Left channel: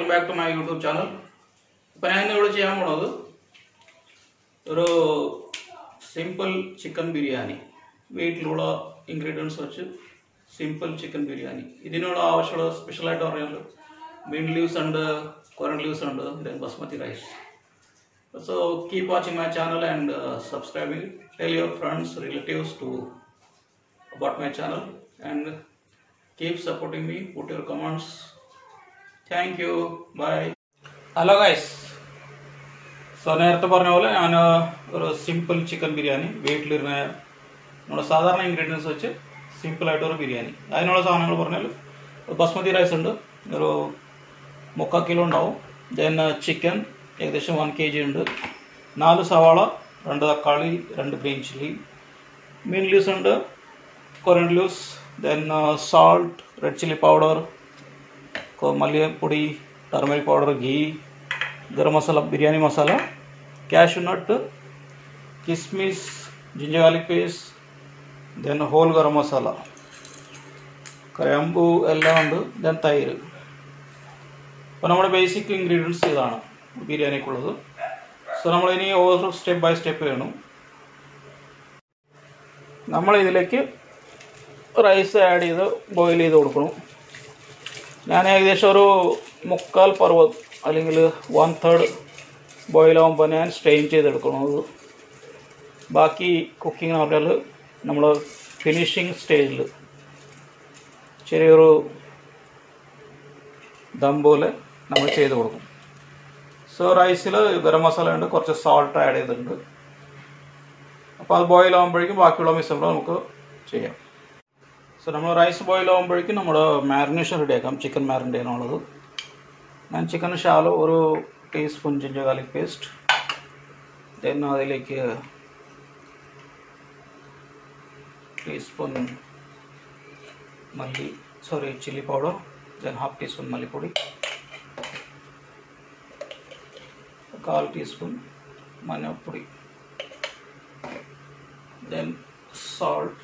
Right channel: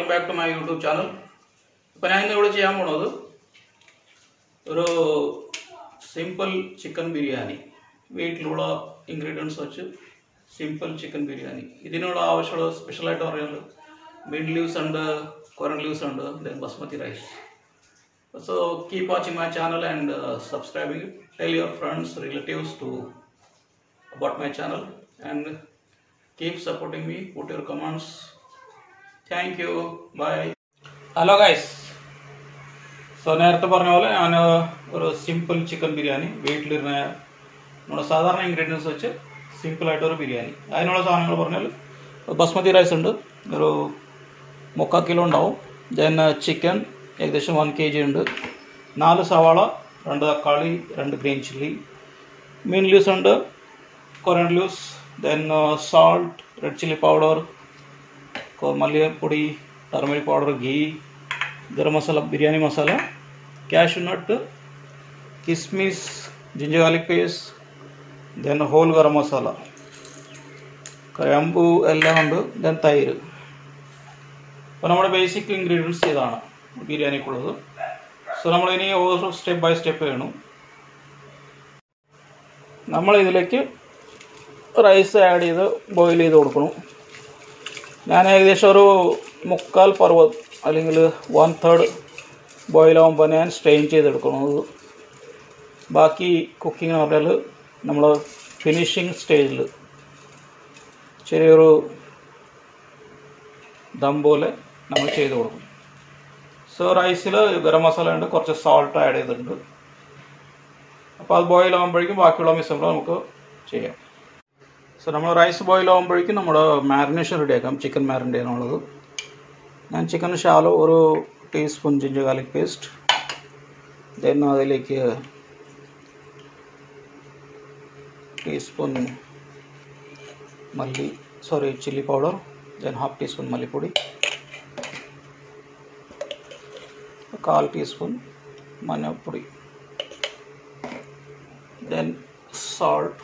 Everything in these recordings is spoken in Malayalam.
welcome back to my YouTube channel. Now I will do simple chicken biryani. Weight ingredients simple chicken biryani. This is special mint leaves and coriander leaves and then basmati rice. So keep watching my channel and subscribing it. Tell your friends, relatives about my channel and keep supporting me. Put your comments. Thank you. Bye. Hello guys. So നേരത്തെ പറഞ്ഞ പോലെ ഞാൻ ഒരു സിമ്പിൾ ചിക്കൻ ബിരിയാണി വീട്ടിലിരുന്ന നമ്മുടെ സാധാരണ ഇൻഗ്രീഡിയൻസ് വെച്ച് സിമ്പിൾ ആയിട്ട് ഒരു ബിരിയാണി. അതിനുള്ള സാധനങ്ങൾ പറഞ്ഞാൽ ബസ്മതി റൈസ് ഉണ്ട്, ഒരു 3/4 കിലോ ഉണ്ടാവും. ദെൻ ചിക്കൻ ഏകദേശം 1 kg ഉണ്ട്, 4 സവാള, 2 തക്കാളി, 2 ഗ്രീൻ ചില്ലി, മീൻ ലീവ്സ് ഉണ്ട്, coriander leaves, then salt, red chilli powder, മല്ലിപ്പൊടി, turmeric powder, ghee, garam masala, biryani masala, cashew nut, kismis, ginger garlic paste, then whole garam masala, കരമ്പു എല്ലാം ഉണ്ട്, then തൈര്. അപ്പോൾ നമ്മുടെ ബേസിക് ഇൻഗ്രീഡിയൻസ് ഇതാണ് ബിരിയാണിക്കുള്ളത്. സോ നമ്മളിനി ഓരോ സ്റ്റെപ്പ് ബൈ സ്റ്റെപ്പ് ചെയ്യണം. നമ്മളിതിലേക്ക് റൈസ് ആഡ് ചെയ്ത് ബോയിൽ ചെയ്ത് കൊടുക്കണം. ഞാൻ ഏകദേശം ഒരു 3/4 പർവ്വം അല്ലെങ്കിൽ 1/3 ബോയിലാകുമ്പോൾ ഞാൻ സ്ട്രെയിൻ ചെയ്തെടുക്കുന്നത്. ബാക്കി കുക്കിംഗ് എന്ന് പറഞ്ഞാൽ നമ്മൾ ഫിനിഷിങ് സ്റ്റേജിൽ ചെറിയൊരു ദം പോലെ നമ്മൾ ചെയ്ത് കൊടുക്കും. സോ റൈസിൽ ഗരം മസാല ഉണ്ട്, കുറച്ച് സോൾട്ട് ആഡ് ചെയ്തിട്ടുണ്ട്. അപ്പോൾ അത് ബോയിലാകുമ്പോഴേക്കും ബാക്കിയുള്ള മിശ്രണം നമുക്ക് ചെയ്യാം. സോ നമ്മൾ റൈസ് ബോയിലാകുമ്പോഴേക്കും നമ്മുടെ മാരിനേഷൻ റെഡിയാക്കാം. ചിക്കൻ മാരിനേറ്റ് ചെയ്യാനുള്ളത് ഞാൻ ചിക്കൻ ഷാലോ ഒരു teaspoon ginger garlic paste, then അതിലേക്ക് teaspoon chilli powder, then 1/2 teaspoon മല്ലിപ്പൊടി, 1/4 ടീസ്പൂൺ മഞ്ഞൾപ്പൊടി, ദെൻ സാൾട്ട്,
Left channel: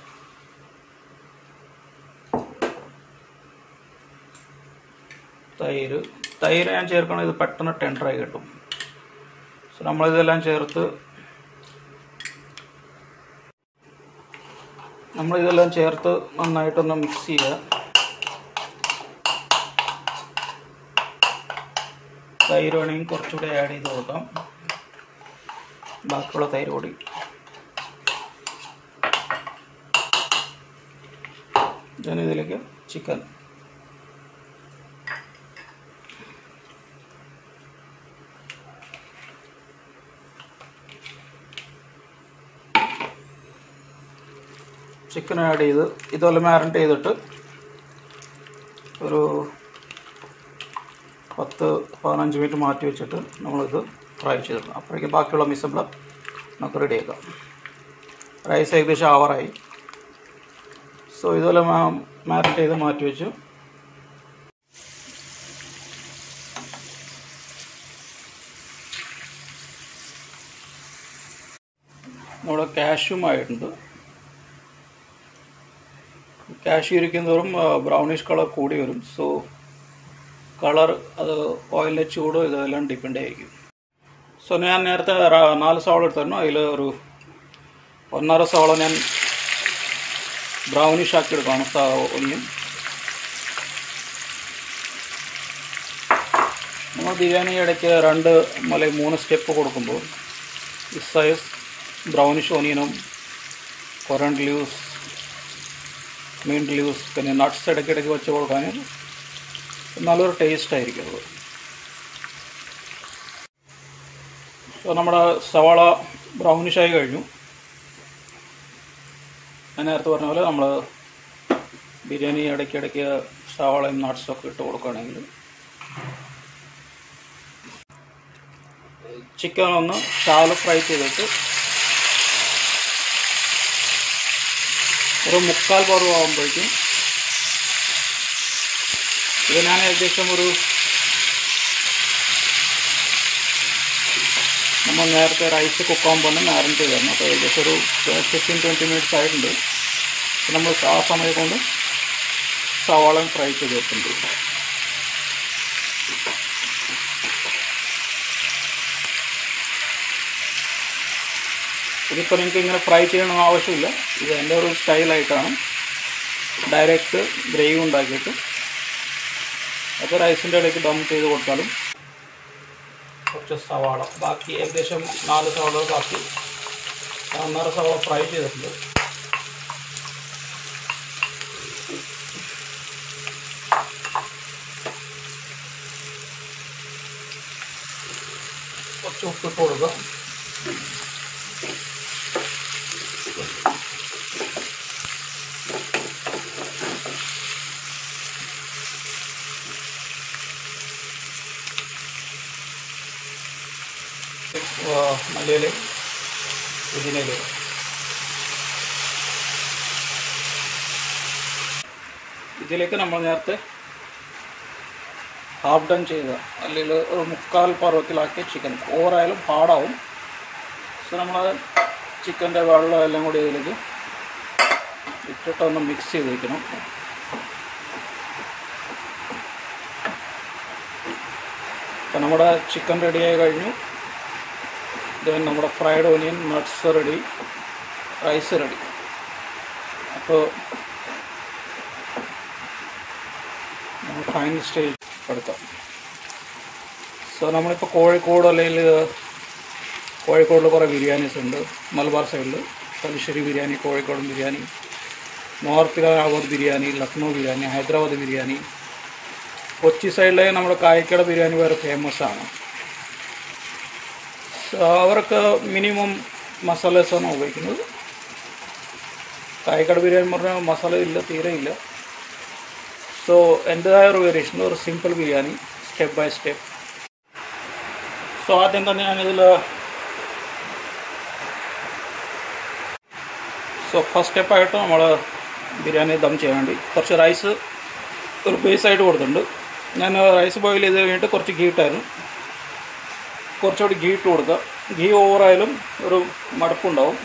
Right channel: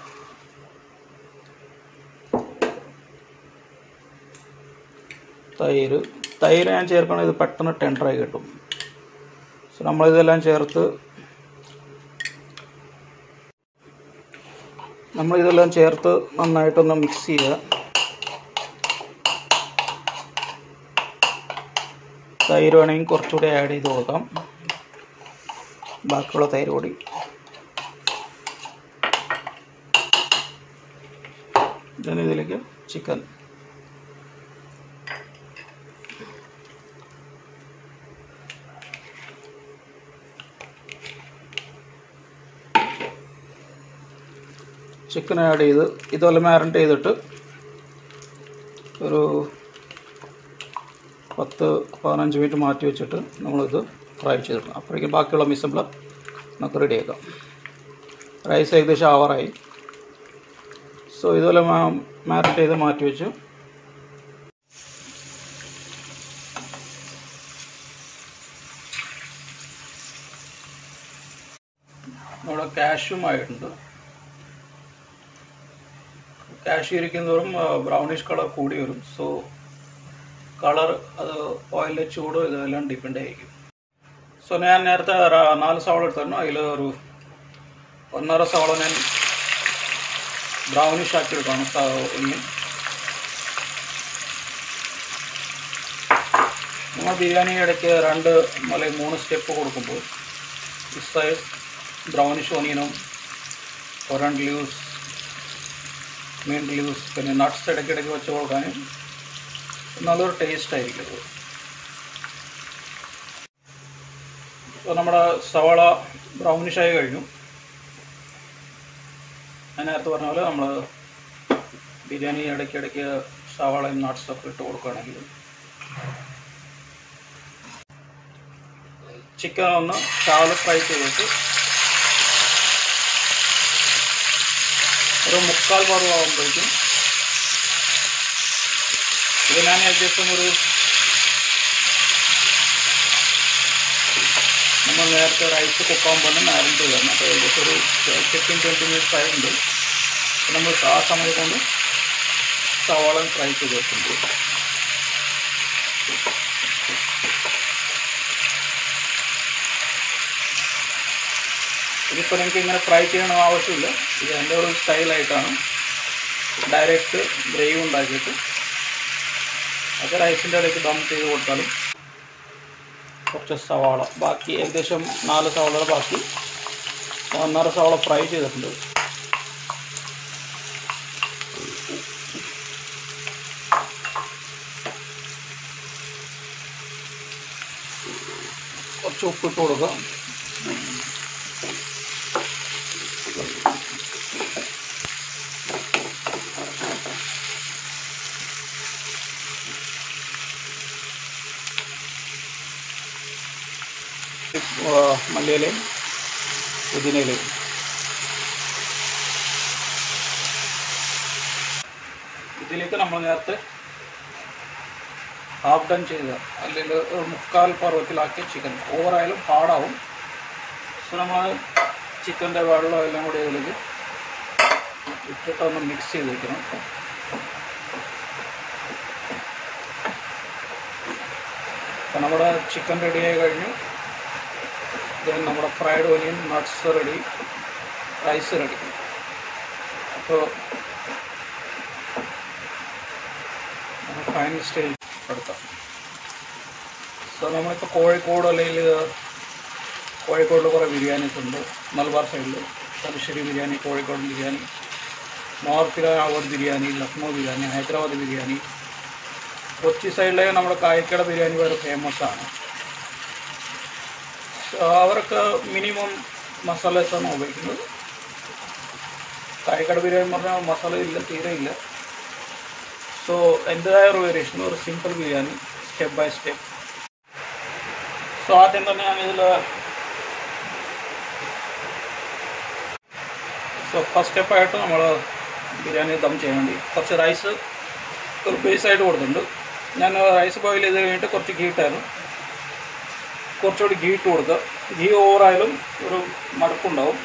തൈര് ഞാൻ ചേർക്കണം, ഇത് പെട്ടെന്ന് ടെൻഡറായി കിട്ടും. സോ നമ്മളിതെല്ലാം ചേർത്ത് നന്നായിട്ടൊന്ന് മിക്സ് ചെയ്യുക. തൈര് വേണമെങ്കിൽ കുറച്ചുകൂടി ആഡ് ചെയ്ത് കൊടുക്കാം, ബാക്കിയുള്ള തൈര് കൂടി. then ഇതിലേക്ക് ചിക്കൻ, ചിക്കൻ ആഡ് ചെയ്ത് ഇതുപോലെ മാരിനേറ്റ് ചെയ്തിട്ട് ഒരു 10-15 മിനിറ്റ് മാറ്റി വെച്ചിട്ട് നമ്മളിത് ഫ്രൈ ചെയ്തിടണം. അപ്പോഴേക്കും ബാക്കിയുള്ള മിസംബ്ല നമുക്ക് റെഡിയാക്കാം. റൈസ് ഏകദേശം ആവാറായി. സോ ഇതുപോലെ മാരിനേറ്റ് ചെയ്ത് മാറ്റി വെച്ചു. നമ്മുടെ കാഷ്യൂമായിട്ടുണ്ട്. കാഷ്യൂ ഇരിക്കുന്നതോറും ബ്രൗണിഷ് കളർ കൂടി വരും. സോ കളർ അത് ഓയിലിലെ ചൂടോ ഇതെല്ലാം ഡിപ്പെൻഡ് ആയിരിക്കും. സോ ഞാൻ നേരത്തെ 4 സവാള എടുത്തായിരുന്നു, അതിൽ ഒരു 1.5 സവാള ഞാൻ ബ്രൗണിഷ് ആക്കി എടുക്കുകയാണ്. ഒന്നിയും നമ്മൾ ബിരിയാണി ഇടയ്ക്ക് 2-3 സ്റ്റെപ്പ് കൊടുക്കുമ്പോൾ ഈ സൈസ് ബ്രൗണിഷ് ഓനിയനും കൊറിയൻഡർ ലീവ്സ്, mint leaves, പിന്നെ നട്ട്സ് ഇടയ്ക്കിടയ്ക്ക് വെച്ച് കൊടുക്കാൻ നല്ലൊരു ടേസ്റ്റ് ആയിരിക്കും അത്. സോ നമ്മുടെ സവാള ബ്രൗണിഷായി കഴിഞ്ഞു. ഞാൻ നേരത്തെ പറഞ്ഞ പോലെ നമ്മൾ ബിരിയാണി ഇടയ്ക്കിടയ്ക്ക് സവാളയും നട്ട്സൊക്കെ ഇട്ട് കൊടുക്കുകയാണെങ്കിൽ ചിക്കൻ ഒന്ന് ഷാലോ ഫ്രൈ ചെയ്തിട്ട് ഒരു 3/4 പരുവാകുമ്പോഴേക്കും ഇത് ഞാൻ ഏകദേശം നമ്മൾ നേരത്തെ റൈസ് കുക്കാകുമ്പോൾ തന്നെ മാരിനേറ്റ് ചെയ്യണം. അപ്പോൾ ഏകദേശം ഒരു 15-20 മിനിറ്റ്സ് ആയിട്ടുണ്ട്. നമ്മൾ ആ സമയം കൊണ്ട് സവാള ഫ്രൈ ചെയ്ത് വെക്കുന്നുണ്ട്. ഇതിപ്പോൾ നിങ്ങൾക്ക് ഇങ്ങനെ ഫ്രൈ ചെയ്യണമെന്ന് ആവശ്യമില്ല. ഇത് എൻ്റെ ഒരു സ്റ്റൈലായിട്ടാണ്. ഡയറക്റ്റ് ഗ്രേവി ഉണ്ടാക്കിയിട്ട് അത് റൈസിൻ്റെ ഇടയ്ക്ക് ദം ചെയ്ത് കൊടുത്താലും. കുറച്ച് സവാള, ബാക്കി ഏകദേശം 4 സവാള ബാക്കി, 1.5 സവാള ഫ്രൈ ചെയ്തിട്ടുണ്ട്. കുറച്ച് ഉപ്പിട്ട് കൊടുക്കുക. മല്ലിയിലയും പുതിനയിലയും ഇതിലേക്ക് നമ്മൾ നേരത്തെ ഹാഫ് ഡൺ ചെയ്ത അല്ലെങ്കിൽ ഒരു 3/4 പരുവത്തിലാക്കിയ ചിക്കൻ, ഓവറായാലും ഹാർഡാവും. സോ നമ്മൾ ചിക്കൻ്റെ വെള്ളം എല്ലാം കൂടി ഇതിലേക്ക് ഇട്ടിട്ടൊന്ന് മിക്സ് ചെയ്ത് വയ്ക്കണം. അപ്പോൾ നമ്മുടെ ചിക്കൻ റെഡിയായി കഴിഞ്ഞു. ദെൻ നമ്മുടെ fried onion, nuts ready, rice ready. അപ്പോൾ നമ്മൾ ഫൈനൽ സ്റ്റേജ് എടുക്കാം. സോ നമ്മളിപ്പോൾ കോഴിക്കോട് അല്ലെങ്കിൽ കോഴിക്കോടിൽ കുറേ ബിരിയാണീസ് ഉണ്ട്. മലബാർ സൈഡിൽ തലശ്ശേരി ബിരിയാണി, കോഴിക്കോട് ബിരിയാണി, നോർത്ത് ബിരിയാണി, ലക്നൗ ബിരിയാണി, ഹൈദരാബാദ് ബിരിയാണി. കൊച്ചി സൈഡിലെ നമ്മുടെ കായക്കട ബിരിയാണി വരെ ഫേമസ് ആണ്. അവർക്ക് മിനിമം മസാലസാണ് ഉപയോഗിക്കുന്നത്. കായക്കട ബിരിയാണി പറഞ്ഞാൽ മസാല ഇല്ല, തീരെ ഇല്ല. സോ എൻ്റെതായ ഒരു വേരിയേഷൻ, ഒരു simple biryani, step by step. So ആദ്യം തന്നെ ഇതിൽ ഫസ്റ്റ് സ്റ്റെപ്പായിട്ട് നമ്മൾ ബിരിയാണി ദം ചെയ്യാൻ വേണ്ടി കുറച്ച് റൈസ് ഒരു ബേസായിട്ട് കൊടുത്തിട്ടുണ്ട്. ഞാൻ റൈസ് ബോയിൽ ചെയ്ത് കഴിഞ്ഞിട്ട് കുറച്ച് ഗീ ഇട്ടായിരുന്നു. കുറച്ചുകൂടി ഗീ ഇട്ട് കൊടുക്കുക. ഗീ ഓവറായാലും ഒരു മടപ്പുണ്ടാവും,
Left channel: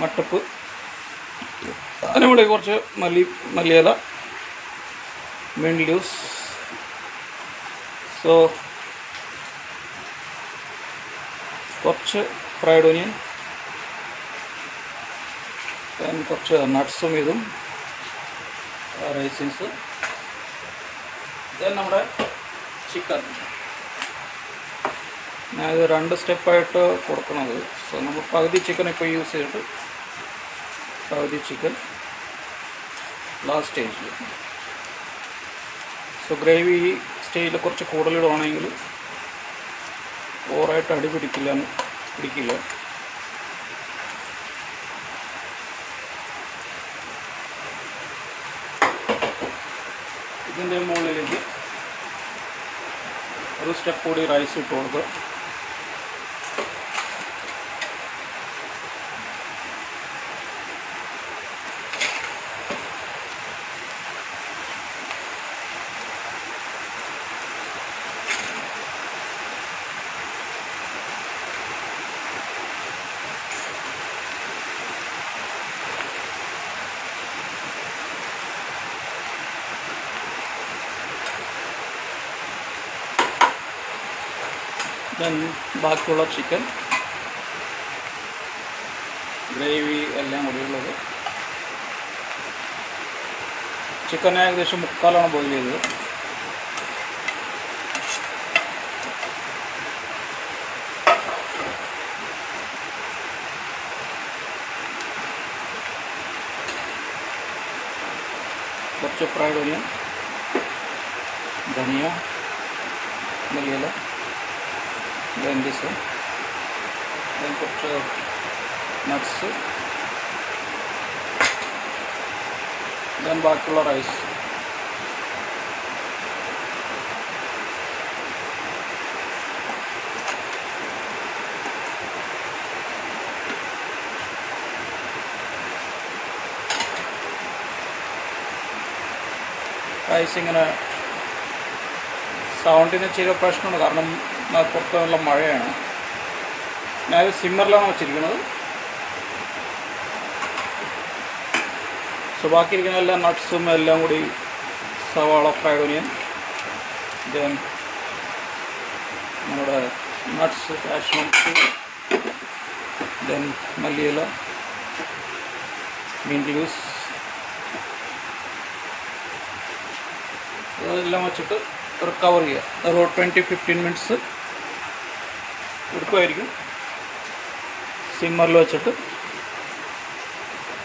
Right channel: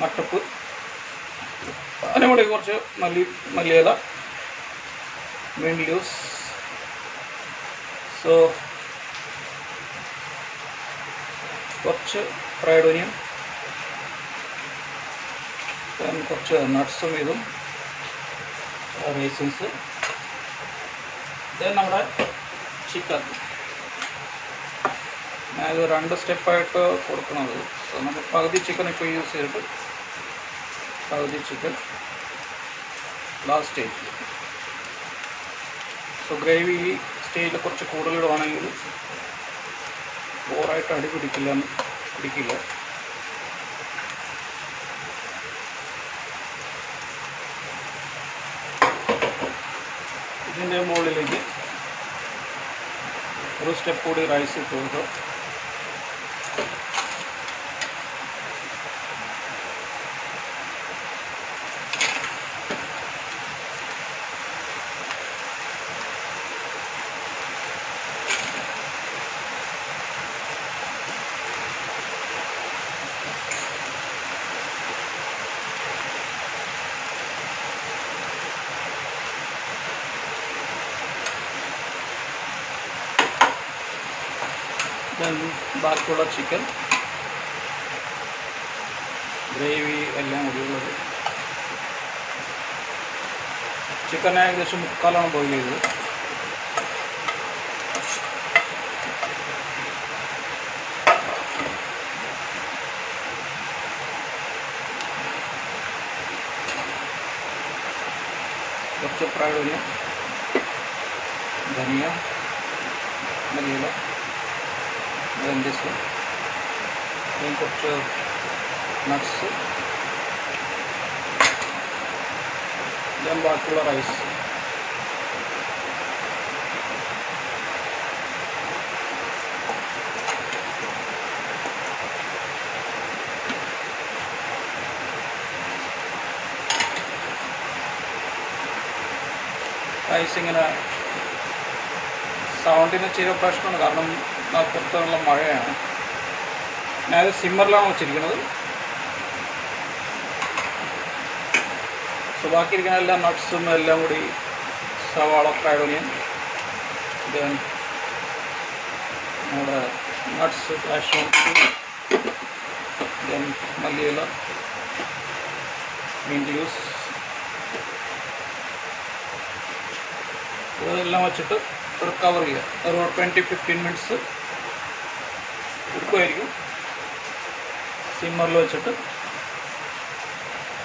മട്ടപ്പ്. അതിനും കൂടി കുറച്ച് മല്ലിയില, mint leaves. സോ കുറച്ച് ഫ്രൈഡ് ഓനിയൻ, കുറച്ച് നട്ട്സും ഇതും റൈസിൻസ്. ദെൻ നമ്മുടെ ചിക്കൻ. ഞാനിത് 2 സ്റ്റെപ്പായിട്ട് കൊടുക്കണത്. സോ നമ്മൾ പകുതി ചിക്കൻ ഇപ്പോൾ യൂസ് ചെയ്തിട്ട് പകുതി ചിക്കൻ ലാസ്റ്റ് സ്റ്റേജിൽ. സോ ഗ്രേവി ഈ സ്റ്റേജിൽ കുറച്ച് കൂടുതലിടുവാണെങ്കിൽ ഓവറായിട്ട് അടി പിടിക്കില്ല. ഇതിൻ്റെ മുകളിലേക്ക് ഒരു സ്റ്റെപ്പ് കൂടി റൈസ് ഇട്ട് കൊടുക്കുക. ദെൻ ബാക്കിയുള്ള ചിക്കൻ, ഗ്രേവി എല്ലാം കൂടിയുള്ളത്. ചിക്കൻ ഏകദേശം 3/4 ബോയിൽ ചെയ്തത്. കുറച്ച് ഫ്രൈഡ് ഓനിയൻ, ധനിയ, മല്ലിയില, then this one, then put nuts, then bakula rice. Rice ഇങ്ങനെ സൗണ്ടിന് ചെറിയ പ്രശ്നമുണ്ട്, കാരണം പുറത്ത് നല്ല മഴയാണ്. ഞാനത് സിമ്മറിലാണ് വെച്ചിരിക്കുന്നത്. സോ ബാക്കിയിരിക്കുന്ന എല്ലാ നട്ട്സും എല്ലാം കൂടി, സവാള, ഫ്രൈഡ് ഓനിയൻ, ദെൻ നമ്മുടെ നട്ട്സ്, കാഷ്യൂനട്ട്സ്, then മല്ലിയില, mint leaves, ഇതെല്ലാം വെച്ചിട്ട് ഒരു കവർ ചെയ്യുക. ഒരു 20-15 മിനിറ്റ്സ് എടുക്കുമായിരിക്കും. സിമ്മറിൽ വെച്ചിട്ട്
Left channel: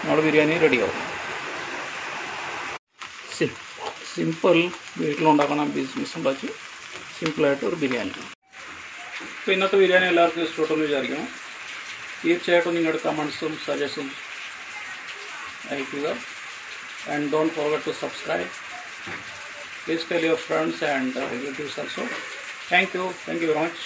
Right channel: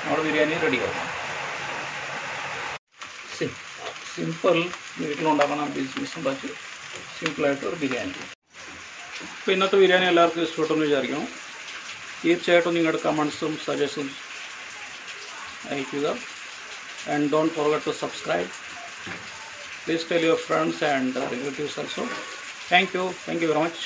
നമ്മുടെ ബിരിയാണി റെഡിയാവും. സിമ്പിൾ വീട്ടിലുണ്ടാക്കുന്ന ബിസിനസ് ഉണ്ടാക്കി സിമ്പിളായിട്ട് ഒരു ബിരിയാണി. അപ്പോൾ ഇന്നത്തെ ബിരിയാണി എല്ലാവർക്കും ഇഷ്ടപ്പെട്ടെന്ന് വിചാരിക്കണം. തീർച്ചയായിട്ടും നിങ്ങളുടെ കമൻസും സജഷൻസും അയക്കുക. And don't forget to subscribe. Please tell your friends and relatives also. Thank you very much.